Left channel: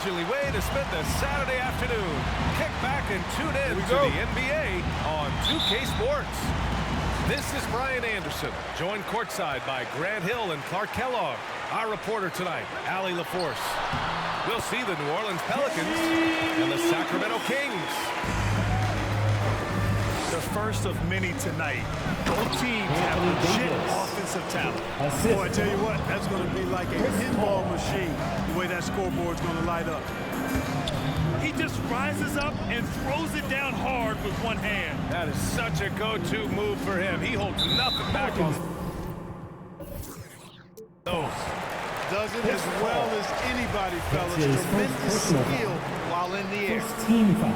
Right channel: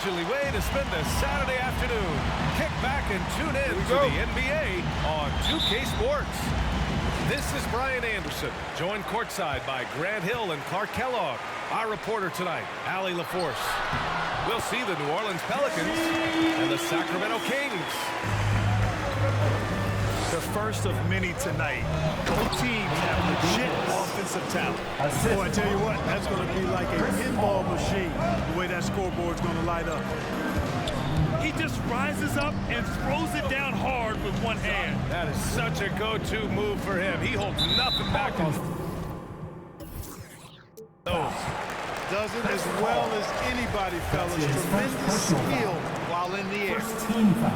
leisurely way to spend a Saturday afternoon. Kick back and tune in to the NBA on 2K Sports. This is Brian Anderson, joined courtside by Grant Hill and Clark Kellogg. Our reporter tonight, Allie LaForce. We'll see the New Orleans Pelicans and the Sacramento Kings. The first of many tonight. Both teams have legit offensive talent. Boy, I tell you what, that's going to be like a pinball machine, the way that scoreboard's going to light up. He just rises up and throws it down hard with one hand. That is such a go-to move for him. He holds nothing back on those. Does it as well as anybody, fellas. Tremendous skill while in the air. First team foul.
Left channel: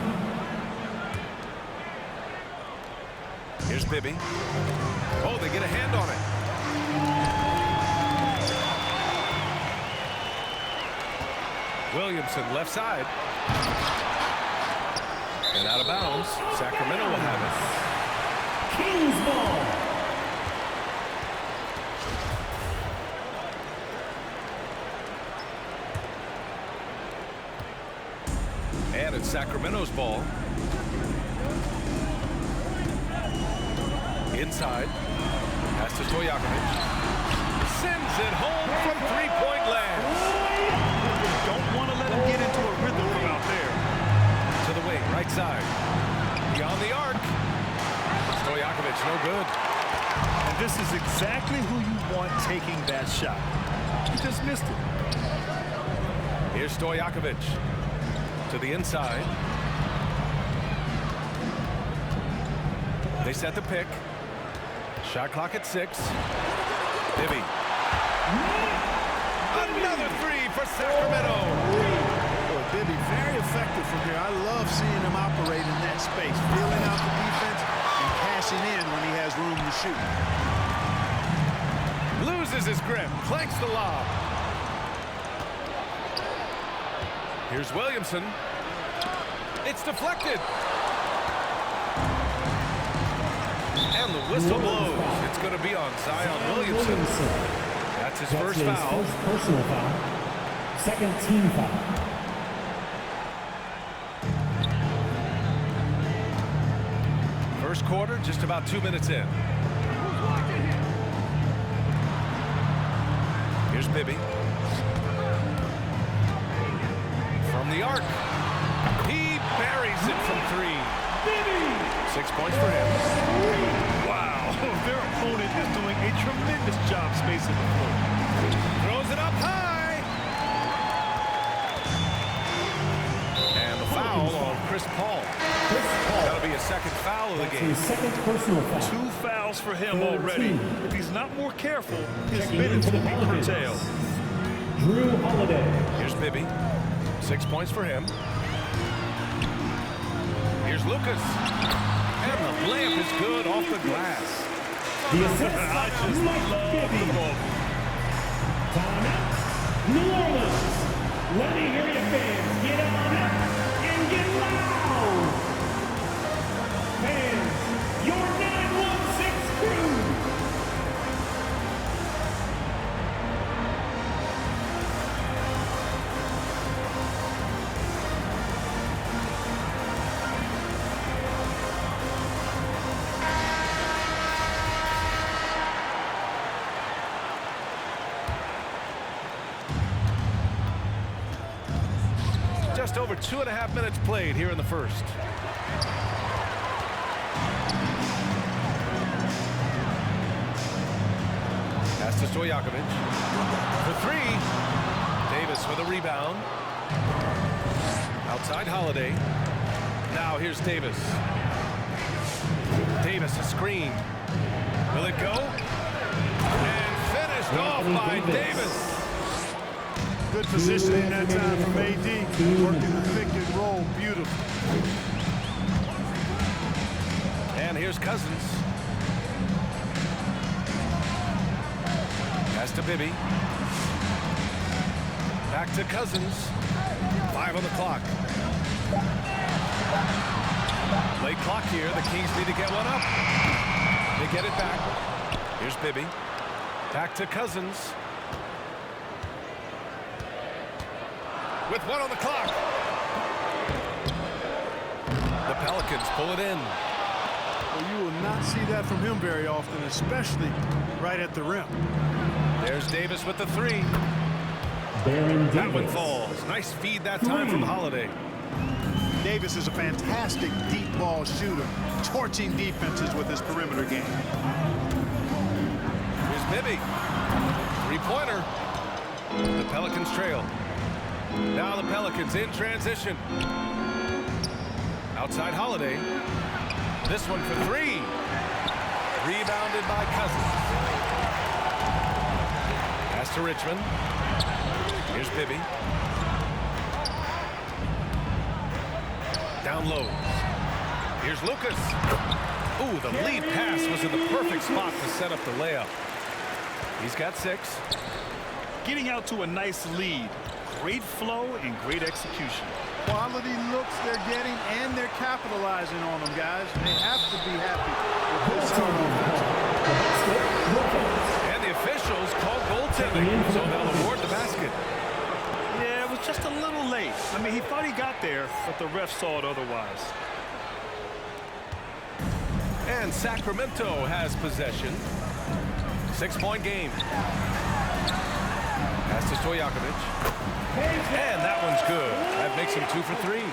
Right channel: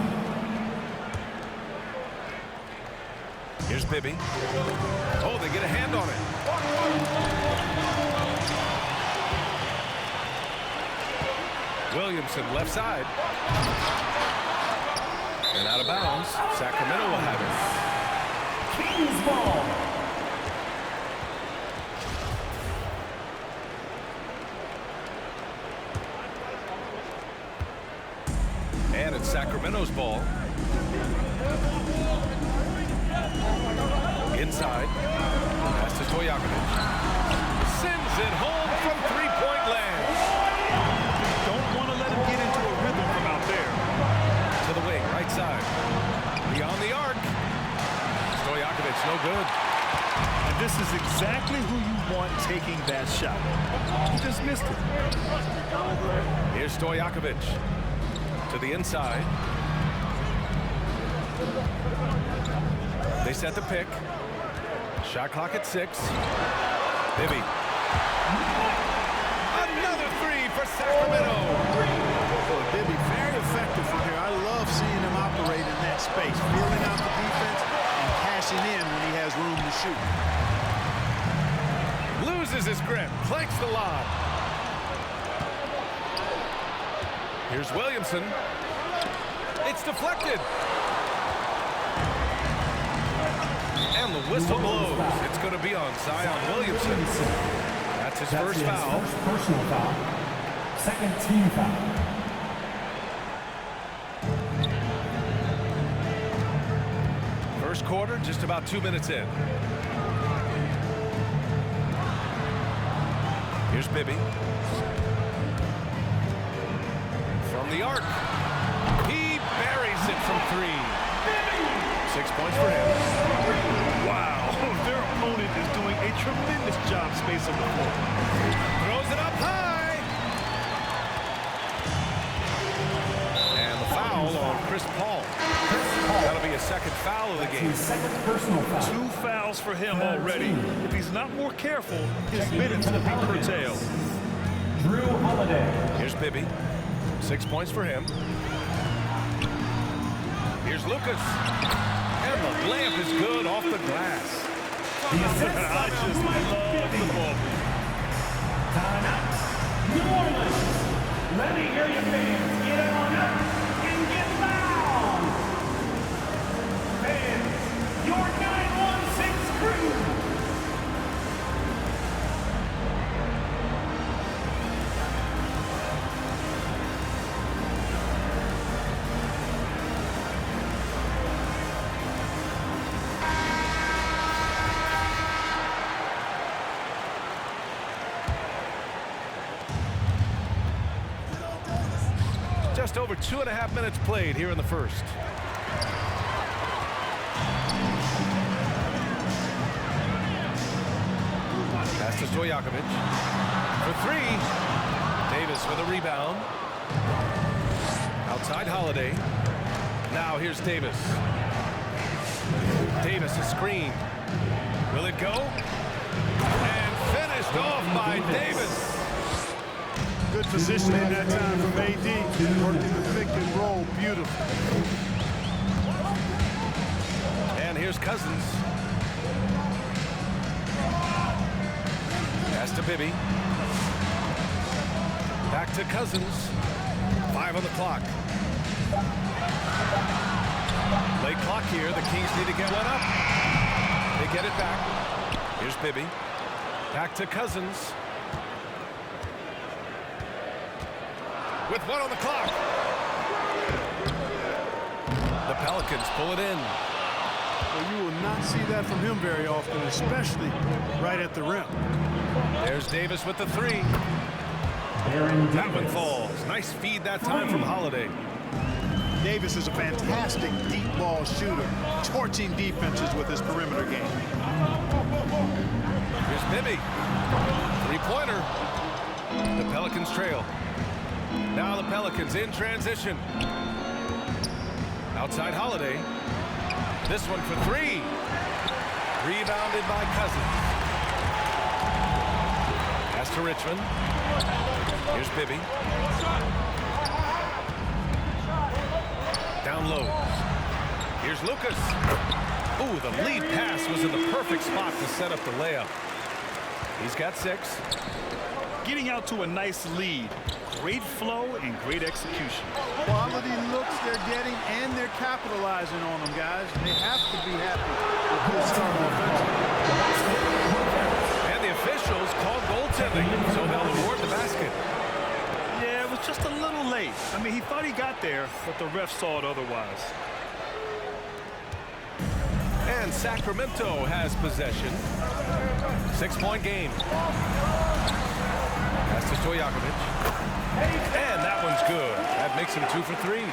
Here's Bibby. Oh, they get a hand on it. Williamson, left side. And out of bounds. Sacramento will have it. Kings ball. And it's Sacramento's ball. Inside. Pass to Stojakovic. Sends it home from three-point land. Don't want to let him get into a rhythm from out there. To the wing, right side. Beyond the arc. Stojakovic, no good. And this is exactly who you want taking that shot. He just missed it. Here's Stojakovic. To the inside. They set the pick. Shot clock at 6. Bibby. Another three for Sacramento. Boy, Bibby, very effective from here. I love seeing him operate in that space, feeling out the defense and cashing in when he has room to shoot. Loses his grip, clanks the lob. Here's Williamson. It's deflected. And the whistle blows. It's going to be on Zion Williamson. That's his first foul. First personal foul. Second team foul. First quarter, just about 2 minutes in. Here's Bibby. From the arc. He buries it from 3. 6 points for him. Wow, their opponent is doing a tremendous job spacing the floor. Throws it up high. And the foul on Chris Paul. That'll be a second foul of the game. His second personal foul. 2 fouls for him already. If he's not more careful, his Checking minutes into will the be Pelicans. curtailed. Drew Holiday. Here's Bibby. 6 points for him. Here's Lucas. And the layup is good off the glass. The assist. I just love the ball. Timeout. New Orleans. Let me hear you fans. Get on up and get loud. Fans, your 916 crew. Just over 2.5 minutes played here in the first. Pass to Stojakovic. For 3. Davis with a rebound. Outside Holiday. Now here's Davis. Davis a screen. Will it go? And finished off by Davis. Good positioning that time from AD, working the pick and roll beautiful. And here's Cousins. Pass to Bibby. Back to Cousins. 5 on the clock. Late clock here. The Kings need to get one up. They get it back. Here's Bibby. Back to Cousins. with 1 on the clock. The Pelicans pull it in. Well, you will not see that from him very often, especially right at the rim. There's Davis with the 3. That one falls. Nice feed that time from Holiday. Davis is a fantastic deep ball shooter, torching defenses with his perimeter game. Here's Bibby. 3-pointer. The Pelicans trail. Now the Pelicans in transition. Outside Holiday. This one for 3. Rebounded by Cousins. Pass to Richmond. Here's Bibby. Down low. Here's Lucas. Ooh, the lead pass was in the perfect spot to set up the layup. He's got 6. Getting out to a nice lead. Great flow and great execution. Quality looks they're getting, and they're capitalizing on them, guys. They have to be happy with this start offensively. And the officials call goaltending, so they'll award the basket. Yeah, it was just a little late. I mean, he thought he got there, but the ref saw it otherwise. And Sacramento has possession. 6-point game. Pass to Stojakovic. And that one's good. That makes him 2 for 3.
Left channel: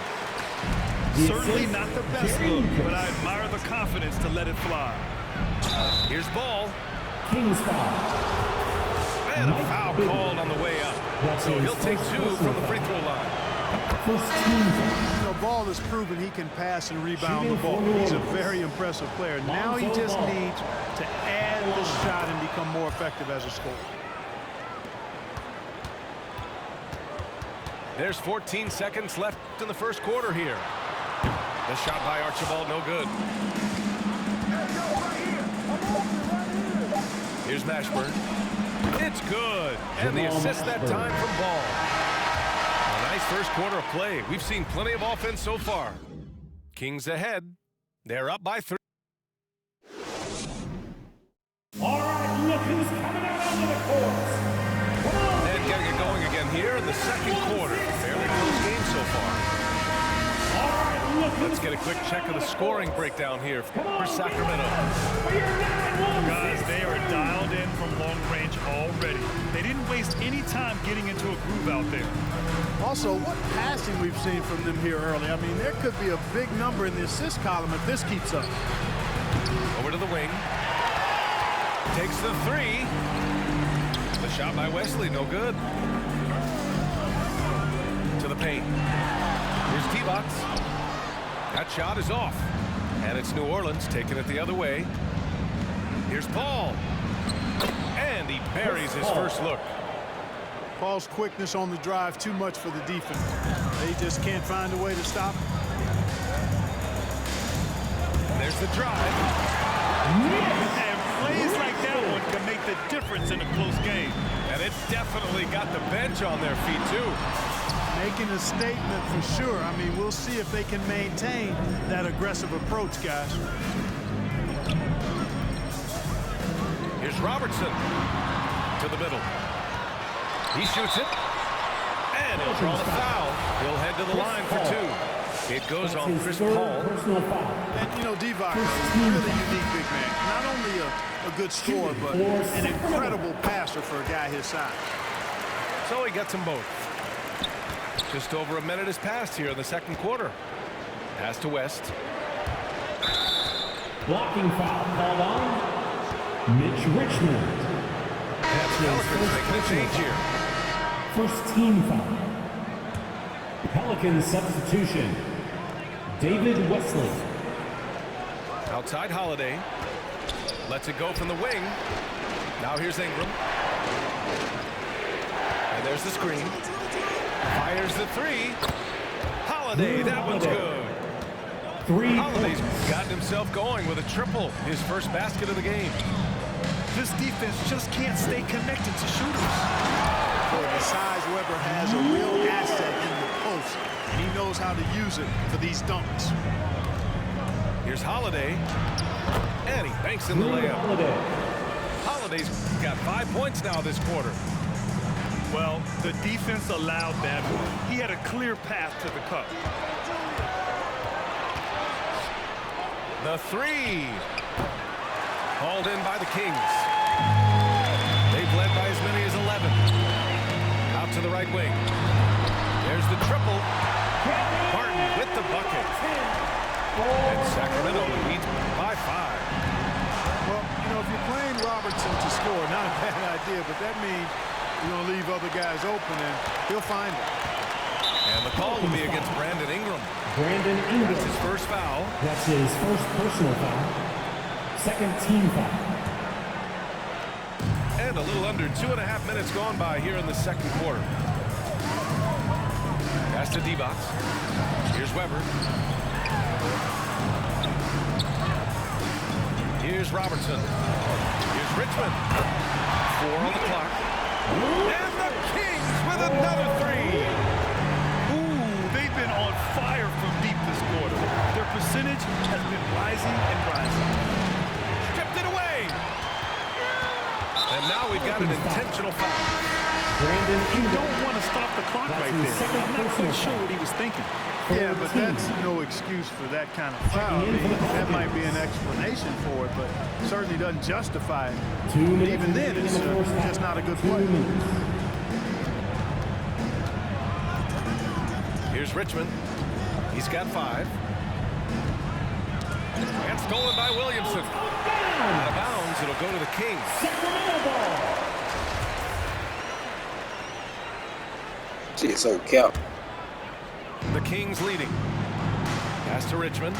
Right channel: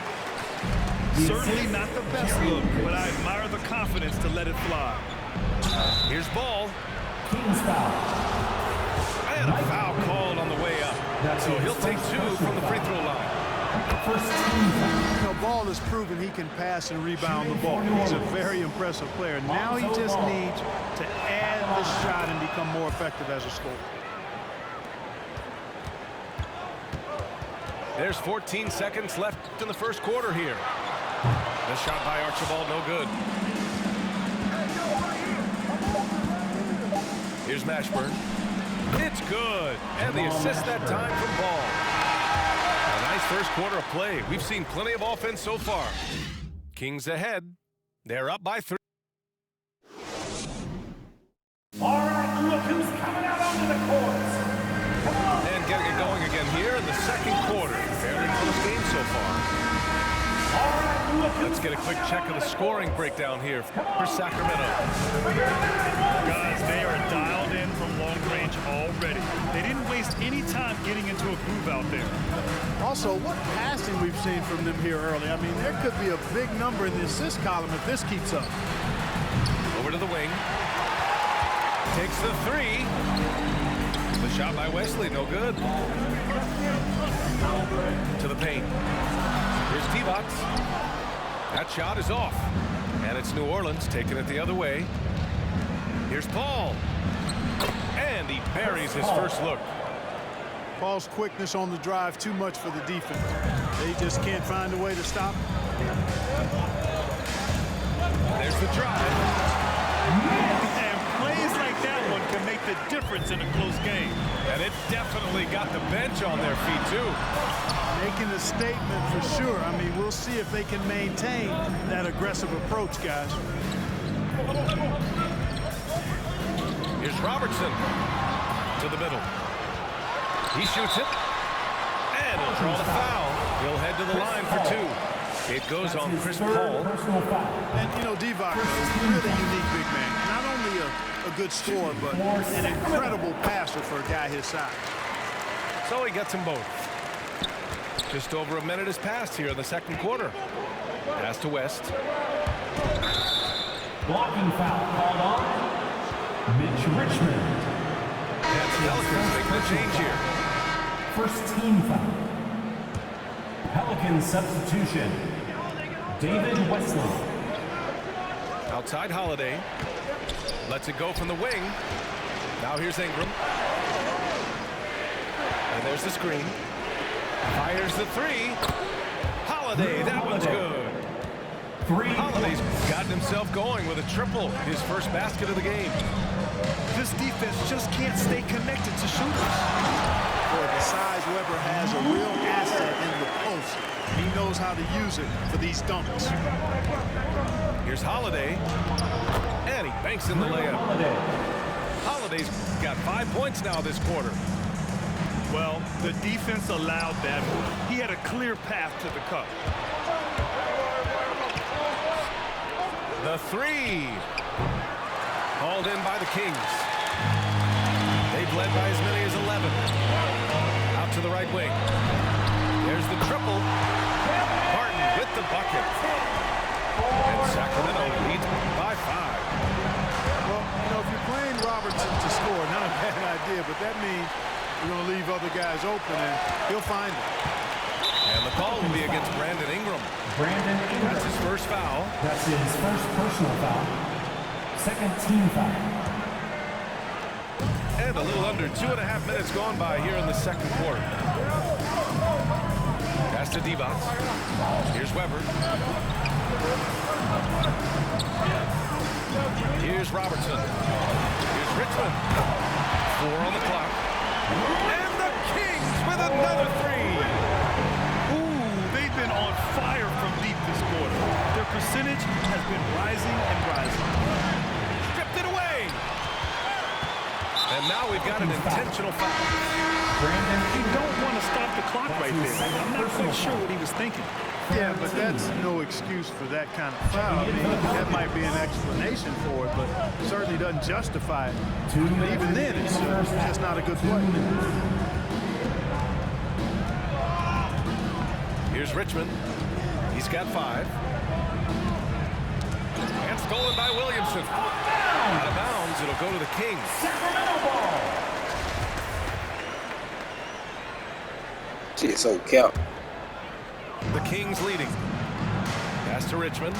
Certainly not the best look, but I admire the confidence to let it fly. Here's Ball. Kings foul. And a foul called on the way up. So he'll take 2 from the free throw line. First team foul. You know, Ball has proven he can pass and rebound the ball. He's a very impressive player. Now he just needs to add the shot and become more effective as a scorer. There's 14 seconds left in the first quarter here. The shot by Archibald, no good. Here's Mashburn. It's good. And the assist that time from Ball. A nice first quarter of play. We've seen plenty of offense so far. Kings ahead. They're up by 3. All right, look who's coming out onto the court. Come on. And getting it going again here in the second quarter. Fairly close game so far. All right, look who's Let's get a quick check of the scoring breakdown here for Sacramento. Guys, they are dialed in from long range already. They didn't waste any time getting into a groove out there. Also, what passing we've seen from them here early. I mean, there could be a big number in the assist column if this keeps up. Over to the wing. Takes the 3. The shot by Wesley, no good. To the paint. Here's T-Bots. That shot is off. And it's New Orleans taking it the other way. Here's Paul. And he buries his first look. Paul's quickness on the drive, too much for the defense. They just can't find a way to stop him. There's the drive. And plays like that one can make the difference in a close game. And it definitely got the bench on their feet, too. Making a statement for sure. I mean, we'll see if they can maintain that aggressive approach, guys. Here's Robertson to the middle. He shoots it. And he'll draw the foul. He'll head to the line for 2. It goes on Chris Paul. And, you know, Divac, a really unique big man. Not only a good scorer, but an incredible passer for a guy his size. So he gets them both. Just over a minute has passed here in the second quarter. Pass to West. Blocking foul called on Mitch Richmond. And the Pelicans making a change here. First team foul. Pelicans substitution. David Wesley. Outside Holiday. Lets it go from the wing. Now here's Ingram. And there's the screen. Fires the 3. Holiday, that one's good. Holiday's gotten himself going with a triple, his first basket of the game. This defense just can't stay connected to shooters. Boy, the size Weber has a real asset in the post. He knows how to use it for these dunks. Here's Holiday. And he banks in the layup. Holiday's got 5 points now this quarter. Well, the defense allowed that one. He had a clear path to the cup. The three. Hauled in by the Kings. They've led by as many as 11. Out to the right wing. There's the triple. Barton with the bucket. And Sacramento leads by 5. Well, you know, if you're playing Robertson to score, not a bad idea, but that means you're going to leave other guys open, and he'll find them. And the call will be against Brandon Ingram. Brandon Ingram. That's his first foul. That's his first personal foul. Second team foul. And a little under 2.5 minutes gone by here in the second quarter. Pass to Divac. Here's Weber. Here's Robertson. Here's Richmond. 4 on the clock. And the Kings with another 3. Ooh, they've been on fire from deep this quarter. Their percentage has been rising and rising. Stripped it away. And now we've got an intentional foul. Brandon You Ingram. don't want to stop the clock right there. I'm not quite sure what he was thinking. Yeah, but that's no excuse for that kind of foul. I mean, that might be an explanation for it, but certainly doesn't justify it. 2 minutes. Even then, it's just not a good play. Here's Richmond. He's got 5. And stolen by Williamson. Out of bounds. It'll go to the Kings. Sacramento ball. Shit, so cap. The Kings leading. Pass to Richmond.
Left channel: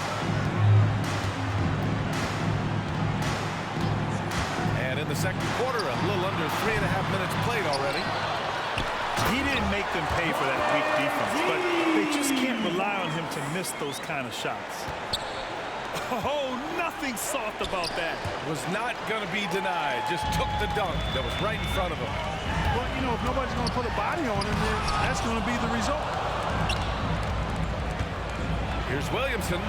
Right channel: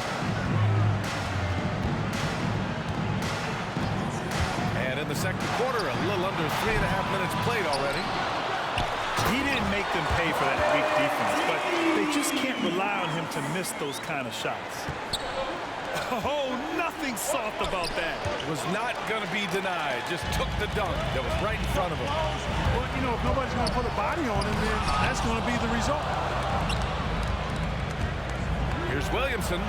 And in the second quarter, a little under 3.5 minutes played already. He didn't make them pay for that weak defense, but they just can't rely on him to miss those kind of shots. Oh, nothing soft about that. Was not going to be denied. Just took the dunk that was right in front of him. Well, you know, if nobody's going to put a body on him, then that's going to be the result. Here's Williamson.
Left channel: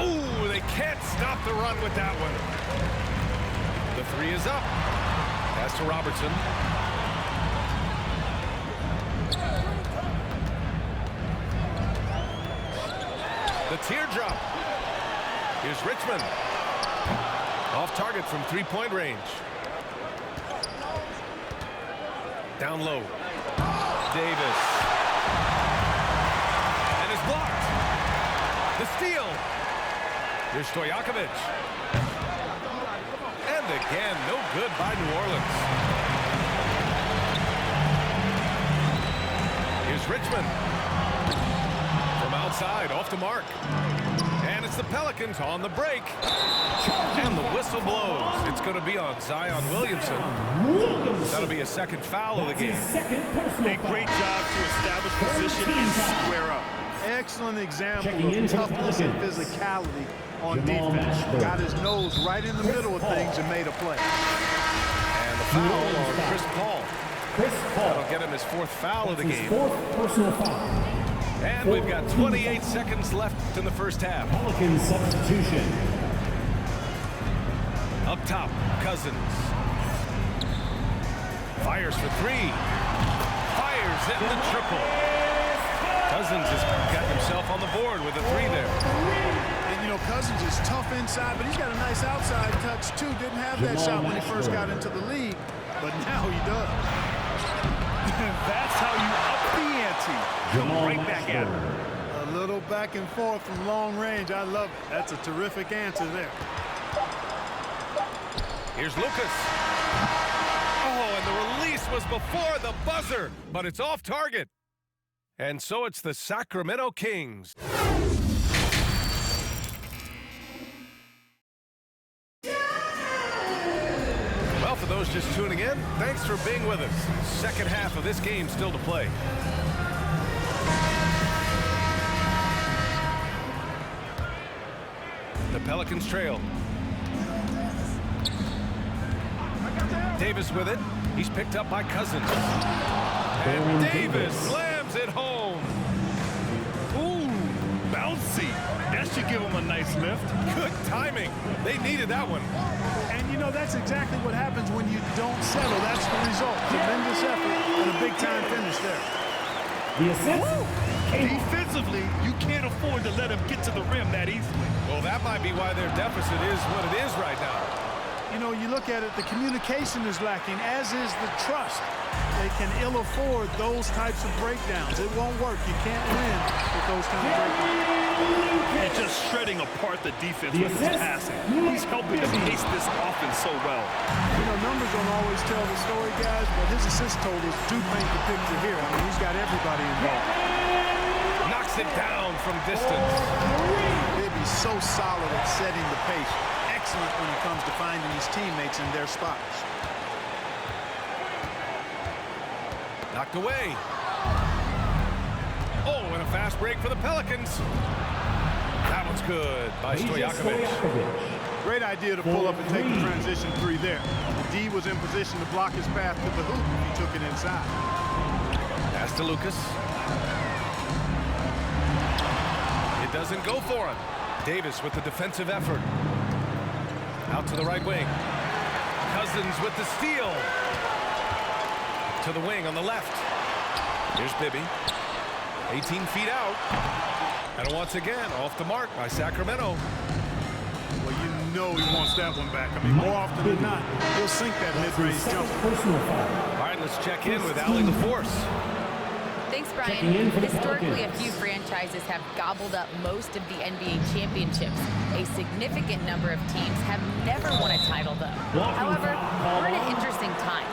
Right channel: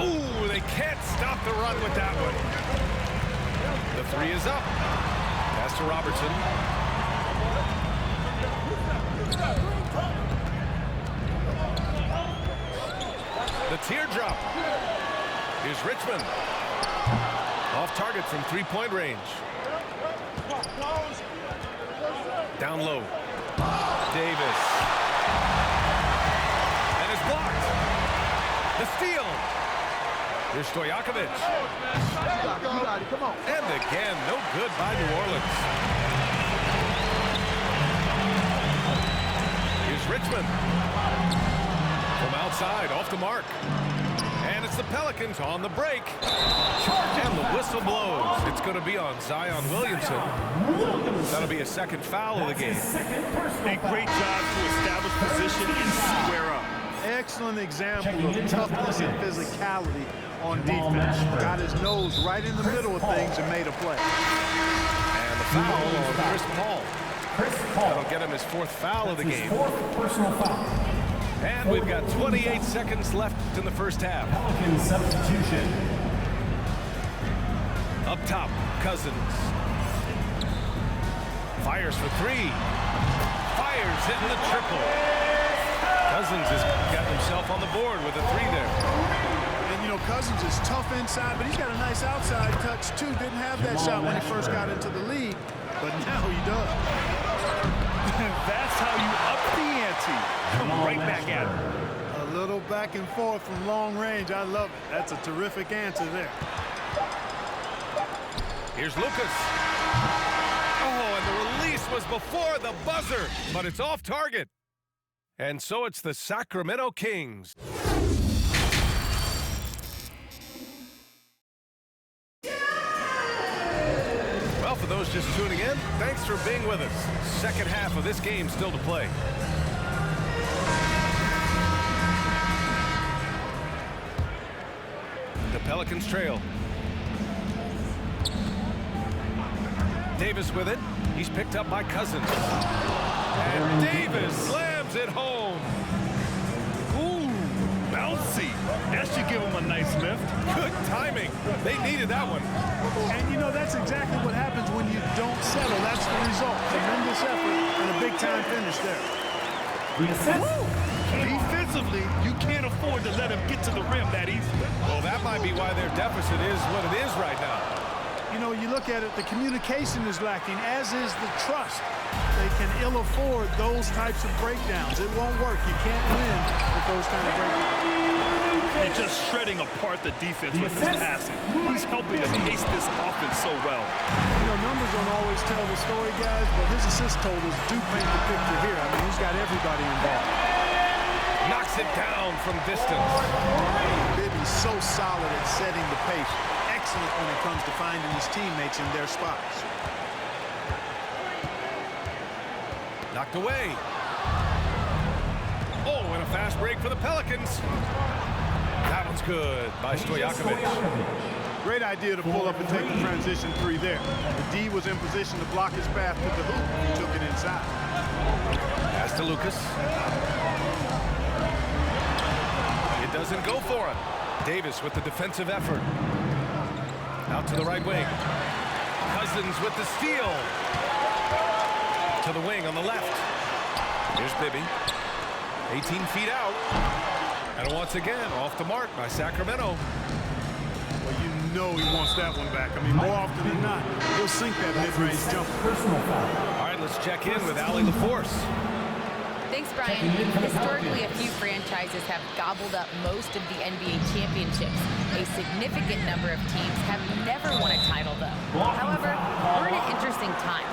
Ooh, they can't stop the run with that one. The 3 is up. Pass to Robertson. The teardrop. Here's Richmond. Off target from 3-point range. Down low. Davis. And it's blocked. The steal. Here's Stojakovic. And again, no good by New Orleans. Here's Richmond. From outside, off the mark. And it's the Pelicans on the break. And the whistle blows. It's going to be on Zion Williamson. That'll be a second foul of the game. A great job to establish position and square up. Excellent example of toughness and physicality on defense. Got his nose right in the middle of things and made a play. And the foul on Chris Paul. That'll get him his 4th foul of the game. 4th personal foul. And we've got 28 seconds left in the first half. Pelicans substitution. Up top, Cousins. Fires for 3. Fires hitting the triple. Cousins has got himself on the board with a 3 there. And, you know, Cousins is tough inside, but he's got a nice outside touch, too. Didn't have that shot when he first got into the league, but now he does. That's how you up the ante. Come right back at him. A little back and forth from long range. I love it. That's a terrific answer there. Here's Lucas. Oh, and the release was before the buzzer, but it's off target. And so it's the Sacramento Kings. Well, for those just tuning in, thanks for being with us. Second half of this game still to play. The Pelicans trail. Davis with it. He's picked up by Cousins. And Davis slams it home. Ooh, bouncy. That should give him a nice lift. Good timing. They needed that one. And, you know, that's exactly what happens when you don't settle. That's the result. Tremendous effort and a big-time finish there. The assist. Defensively, you can't afford to let him get to the rim that easily. Well, that might be why their deficit is what it is right now. You know, you look at it, the communication is lacking, as is the trust. They can ill afford those types of breakdowns. It won't work. You can't win with those kind of breakdowns. And just shredding apart the defense with his passing. He's helping to pace this offense so well. You know, numbers don't always tell the story, guys, but his assist totals do paint the picture here. I mean, he's got everybody involved. Knocks it down from distance. Bibby's so solid at setting the pace. Excellent when it comes to finding his teammates in their spots. Knocked away. Oh, and a fast break for the Pelicans. That one's good by Stojakovic. Great idea to pull up and take the transition three there. The D was in position to block his path to the hoop if he took it inside. Pass to Lucas. It doesn't go for him. Davis with the defensive effort. Out to the right wing. Cousins with the steal. To the wing on the left. Here's Bibby. 18 feet out. And once again, off the mark by Sacramento. Well, you know he wants that one back. I mean, more often than not, he'll sink that mid-range jumper. Personal foul. All right, let's check in with Allie LaForce. Thanks, Brian. Historically, a few franchises have gobbled up most of the NBA championships. A significant number of teams have never won a title, though. However, we're in an interesting time.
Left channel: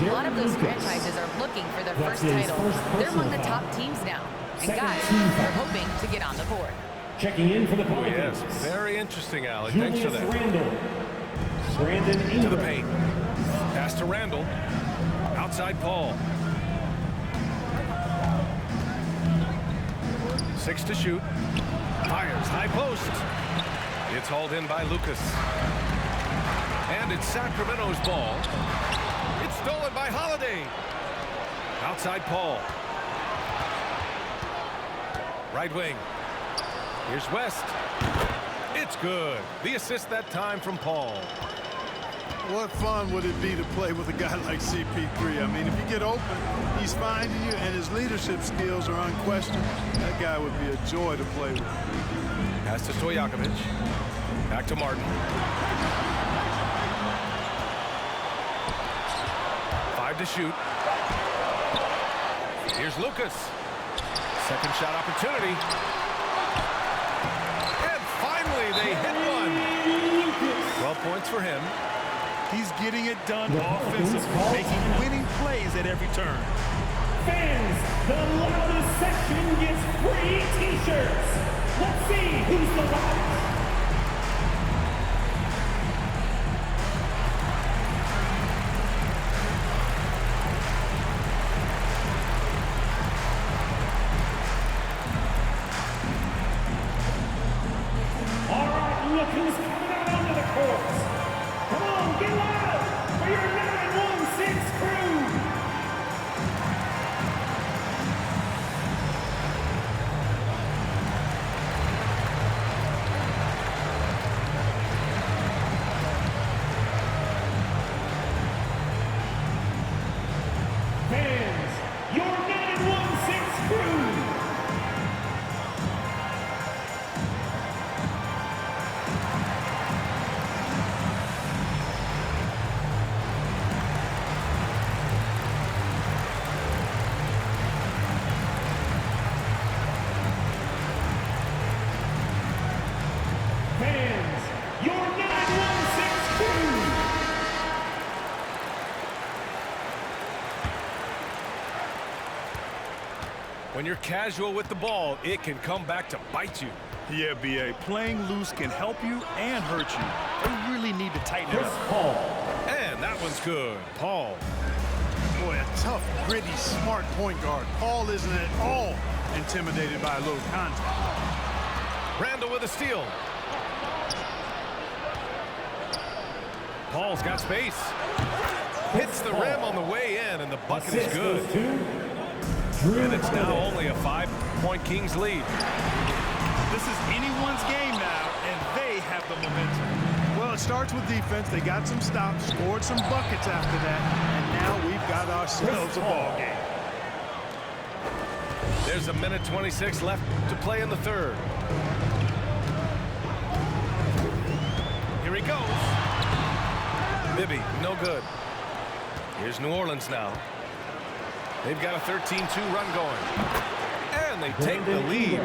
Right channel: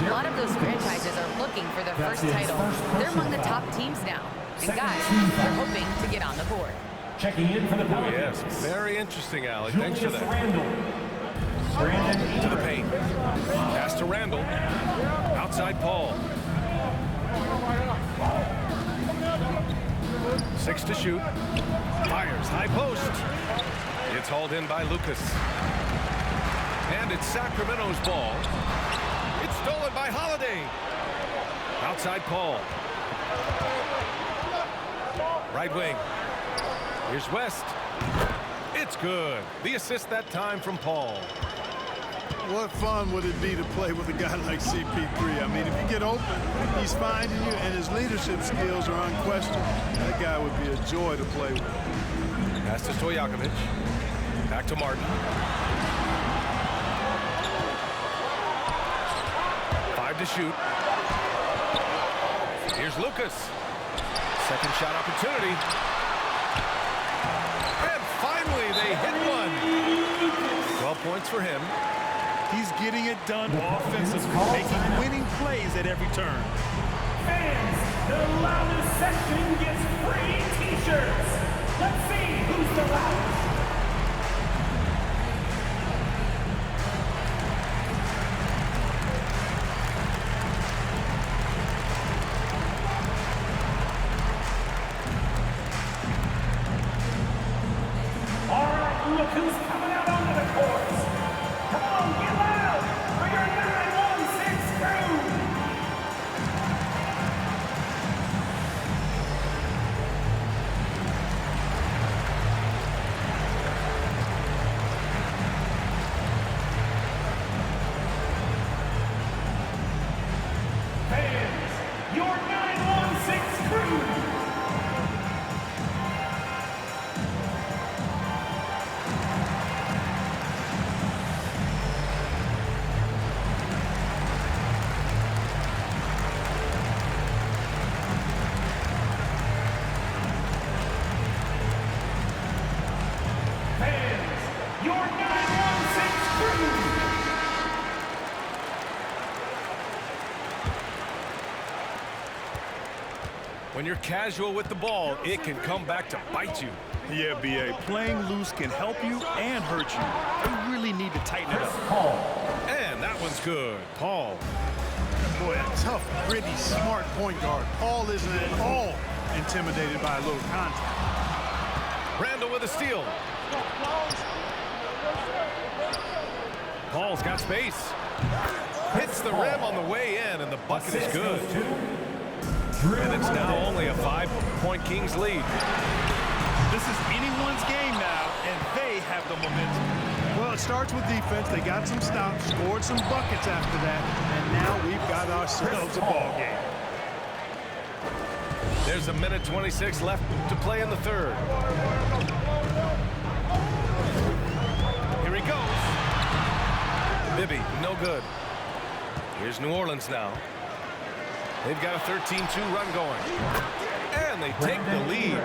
A lot of those franchises are looking for their first title. They're among the top teams now. And guys, they're hoping to get on the board. Checking in for the Oh, Pelicans. yes. Very interesting, Allie. Thanks for that. Randall. Brandon Ingram. To the paint. Pass to Randall. Outside Paul. 6 to shoot. Fires high post. It's hauled in by Lucas. And it's Sacramento's ball. It's stolen by Holiday. Outside Paul. Right wing. Here's West. It's good. The assist that time from Paul. What fun would it be to play with a guy like CP3? I mean, if you get open, he's finding you, and his leadership skills are unquestioned. That guy would be a joy to play with. Pass to Stojakovic. Back to Martin. 5 to shoot. Here's Lucas. Second shot opportunity. And finally, they hit one. 12 points for him. He's getting it done offensively, making winning plays at every turn. Fans, the loudest section gets free T-shirts. Let's see who's the loudest. All right, look who's coming out onto the court. Come on, get loud for your 916 crew. Fans, your 916 crew. Fans, your 916 crew. When you're casual with the ball, it can come back to bite you. Yeah, B.A. Playing loose can help you and hurt you. They really need to tighten it Chris up. Paul. And that one's good. Paul. Boy, a tough, gritty, smart point guard. Paul isn't at all intimidated by a little contact. Randall with a steal. Paul's got space. Hits the rim on the way in, and the bucket is good. And it's now only a 5-point Kings lead. This is anyone's game now, and they have the momentum. Well, it starts with defense. They got some stops, scored some buckets after that, and now we've got ourselves a ball game. There's a minute 26 left to play in the third. Here he goes. Bibby, no good. Here's New Orleans now. They've got a 13-2 run going. And they take the lead.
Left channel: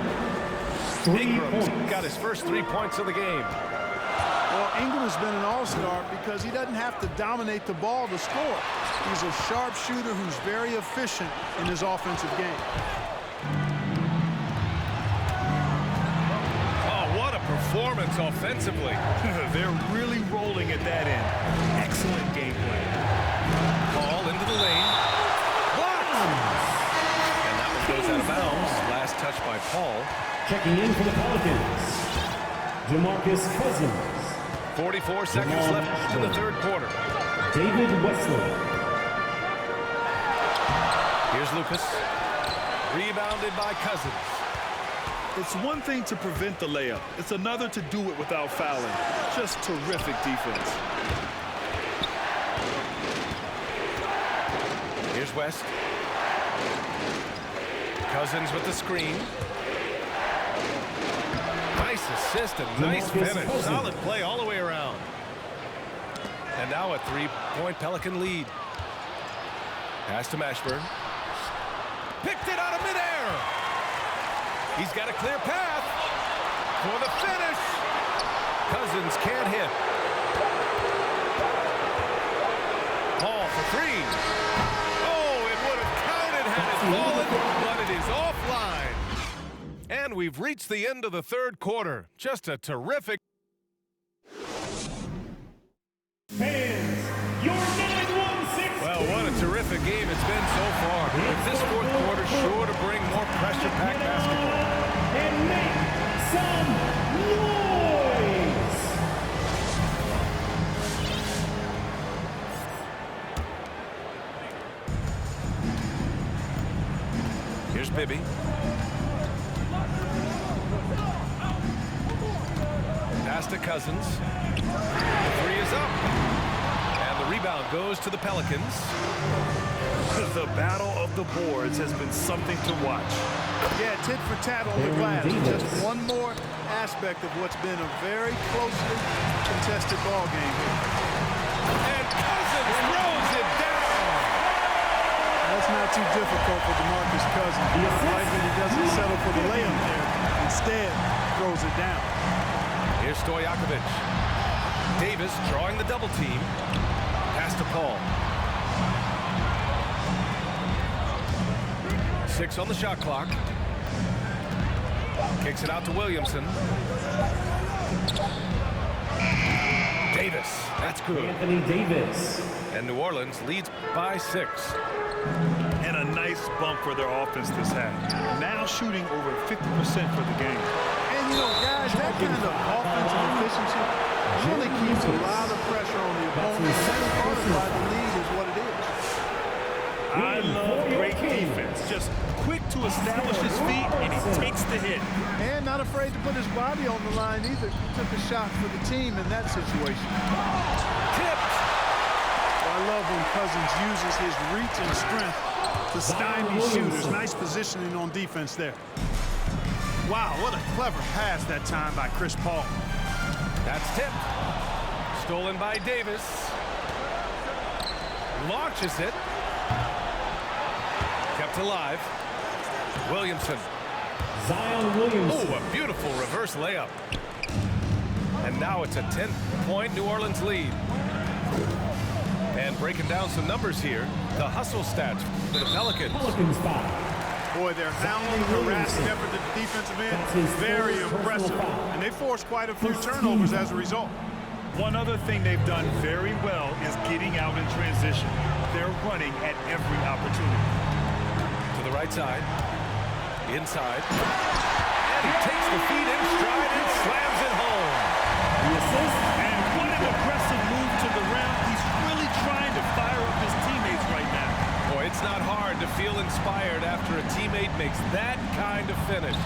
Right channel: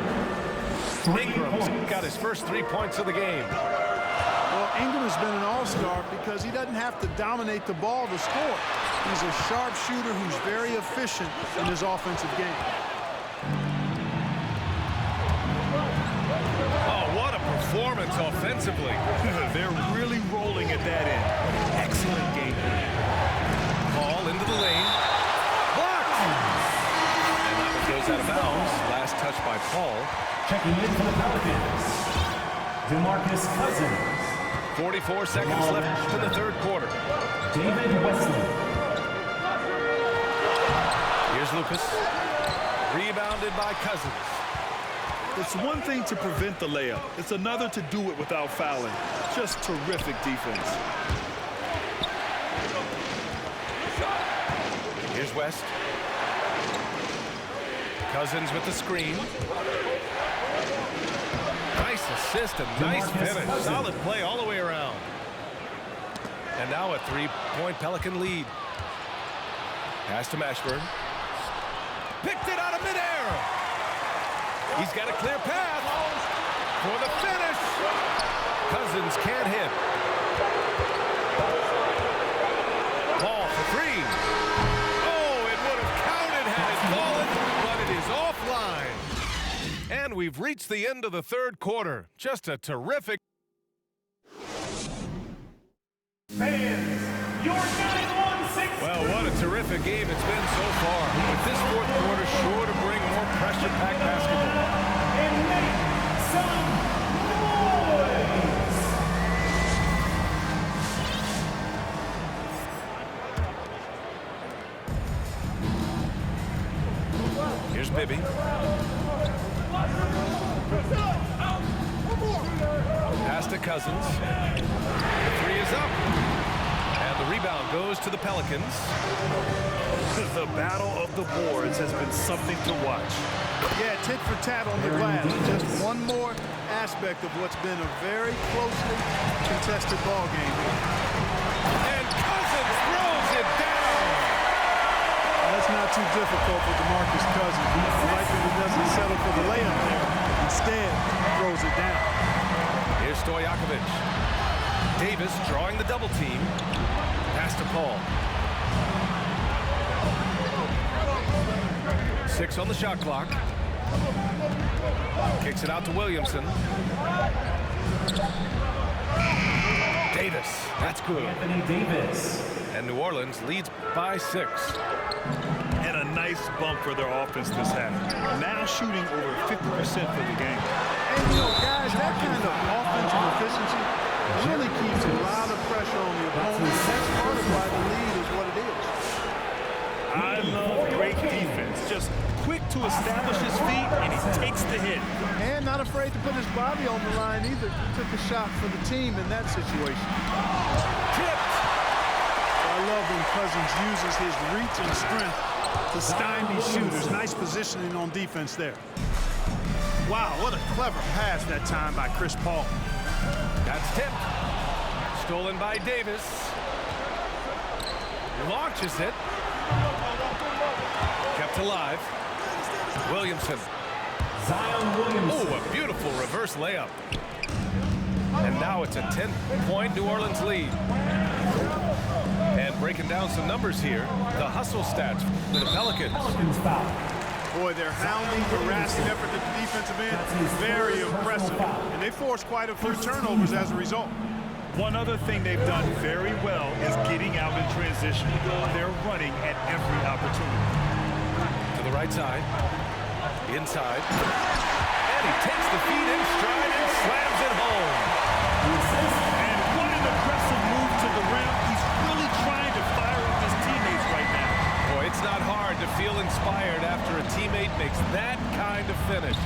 Ingram's got his first 3 points of the game. Well, Ingram has been an all-star because he doesn't have to dominate the ball to score. He's a sharp shooter who's very efficient in his offensive game. Oh, what a performance offensively. They're really rolling at that end. Excellent game plan. Ball into the lane. Blocked! And that one goes out of bounds. Last touch by Paul. Checking in for the Pelicans, DeMarcus Cousins. 44 seconds left in the third quarter. David Wesley. Here's Lucas. Rebounded by Cousins. It's one thing to prevent the layup. It's another to do it without fouling. Just terrific defense. Here's West. Cousins with the screen. Nice assist and nice finish. Solid play all the way around. And now a 3-point Pelican lead. Pass to Mashburn. Picked it out of midair. He's got a clear path for the finish. Cousins can't hit. Paul for three. Oh, it would have counted had it fallen, but it is offline. And we've reached the end of the third quarter. Just a terrific. Fans, your 916. Well, what a terrific game it's been so far. With this fourth quarter sure to bring more pressure-packed basketball. And make some noise. Here's Bibby. Pass to Cousins. The three is up. And the rebound goes to the Pelicans. The battle of the boards has been something to watch. Yeah, tit for tat on the glass. Just one more aspect of what's been a very closely contested ball game here. And Cousins throws it down. That's not too difficult for DeMarcus Cousins. I like that he doesn't settle for the layup there. Instead, throws it down. Here's Stojakovic. Davis drawing the double team. Pass to Paul. 6 on the shot clock. Kicks it out to Williamson. Davis. That's good. Anthony Davis. And New Orleans leads by 6. And a nice bump for their offense this half. Now shooting over 50% for the game. And, you know, guys, that kind of offensive efficiency really keeps a lot of pressure on the opponent. And that's part of why the lead is what it is. I love great defense. Just quick to establish his feet, and he takes the hit. And not afraid to put his body on the line either. He took a shot for the team in that situation. Tipped. Well, I love when Cousins uses his reach and strength to stymie shooters. Nice positioning on defense there. Wow, what a clever pass that time by Chris Paul. That's tipped. Stolen by Davis. Launches it. Kept alive. Williamson. Zion Williamson. Oh, a beautiful reverse layup. And now it's a 10-point New Orleans lead. And breaking down some numbers here, the hustle stats for the Pelicans. Pelicans foul. Boy, their hounding, harassing effort at the defensive end, very impressive. And they forced quite a few turnovers as a result. One other thing they've done very well is getting out in transition. They're running at every opportunity. To the right side. Inside. And he takes the feed in stride and slams it home. The assist. And what an aggressive move to the rim. He's really trying to fire up his teammates right now. Boy, it's not hard to feel inspired after a teammate makes that kind of finish.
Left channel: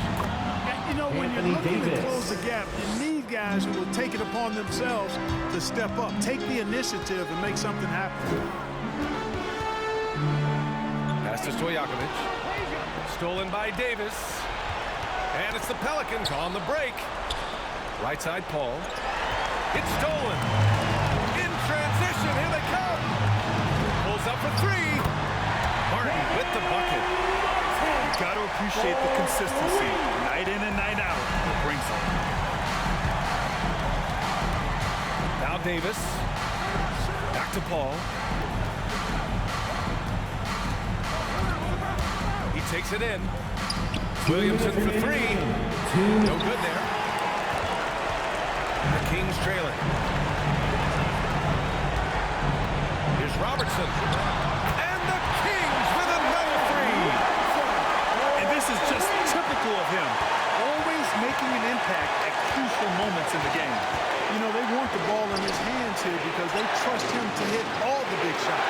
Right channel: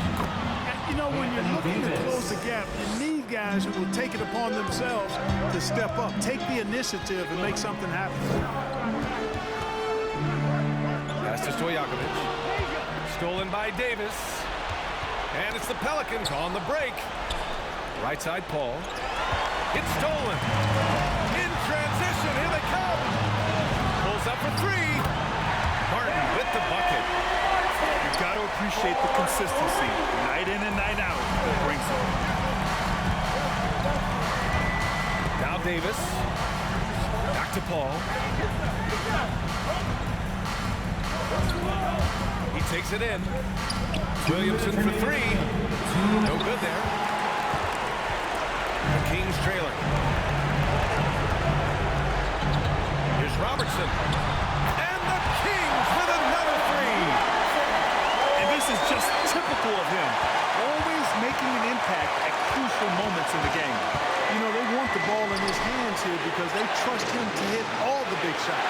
You know, when you're looking to close the gap, you need guys who will take it upon themselves to step up, take the initiative, and make something happen. Pass to Stojakovic. Stolen by Davis. And it's the Pelicans on the break. Right side, Paul. It's stolen. In transition, here they come. Pulls up for three. Martin with the bucket. You got to appreciate the consistency. Night in and night out. It brings it. Now Davis. Back to Paul. He takes it in. Williamson for three. No good there. The Kings trailing. Here's Robertson. And the Kings with another three. And this is just typical of him. Always making an impact at crucial moments in the game. You know, they want the ball in his hands here because they trust him to hit all the big shots.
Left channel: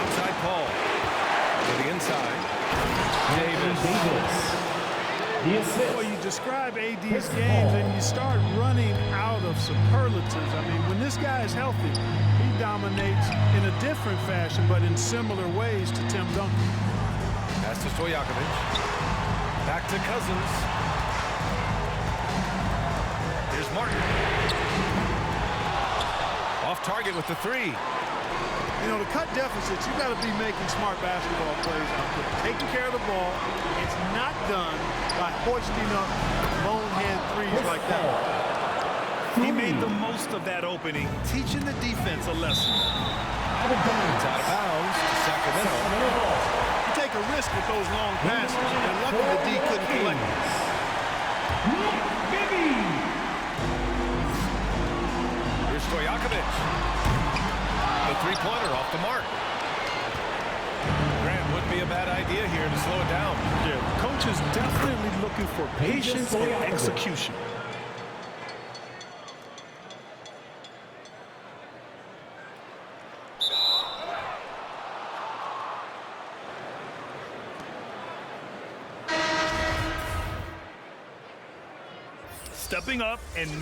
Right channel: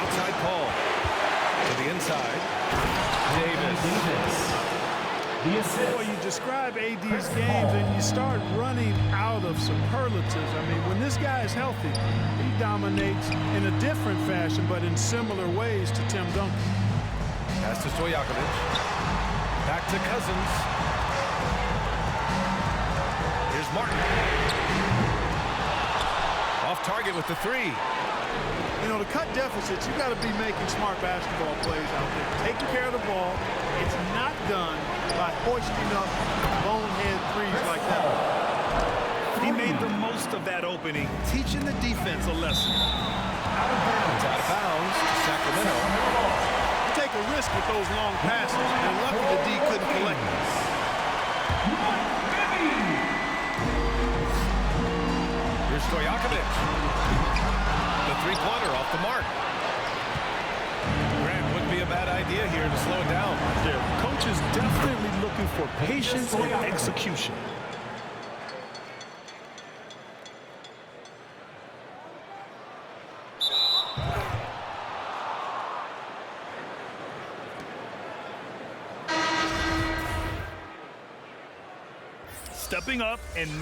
Outside Paul. To the inside. Davis. Well, you describe AD's games and you start running out of superlatives. I mean, when this guy is healthy, he dominates in a different fashion, but in similar ways to Tim Duncan. Pass to Stojakovic. Back to Cousins. Here's Martin. Off target with the three. You know, to cut deficits, you got to be making smart basketball plays out there. Taking care of the ball. It's not done by hoisting up bonehead threes like that. He made the most of that opening, teaching the defense a lesson. It's out of bounds to Sacramento. You take a risk with those long passes. They're lucky the D couldn't collect it. Here's Stojakovic. The three-pointer off the mark. Grant, wouldn't be a bad idea here to slow it down. Yeah, coach is definitely looking for patience and execution. Stepping up and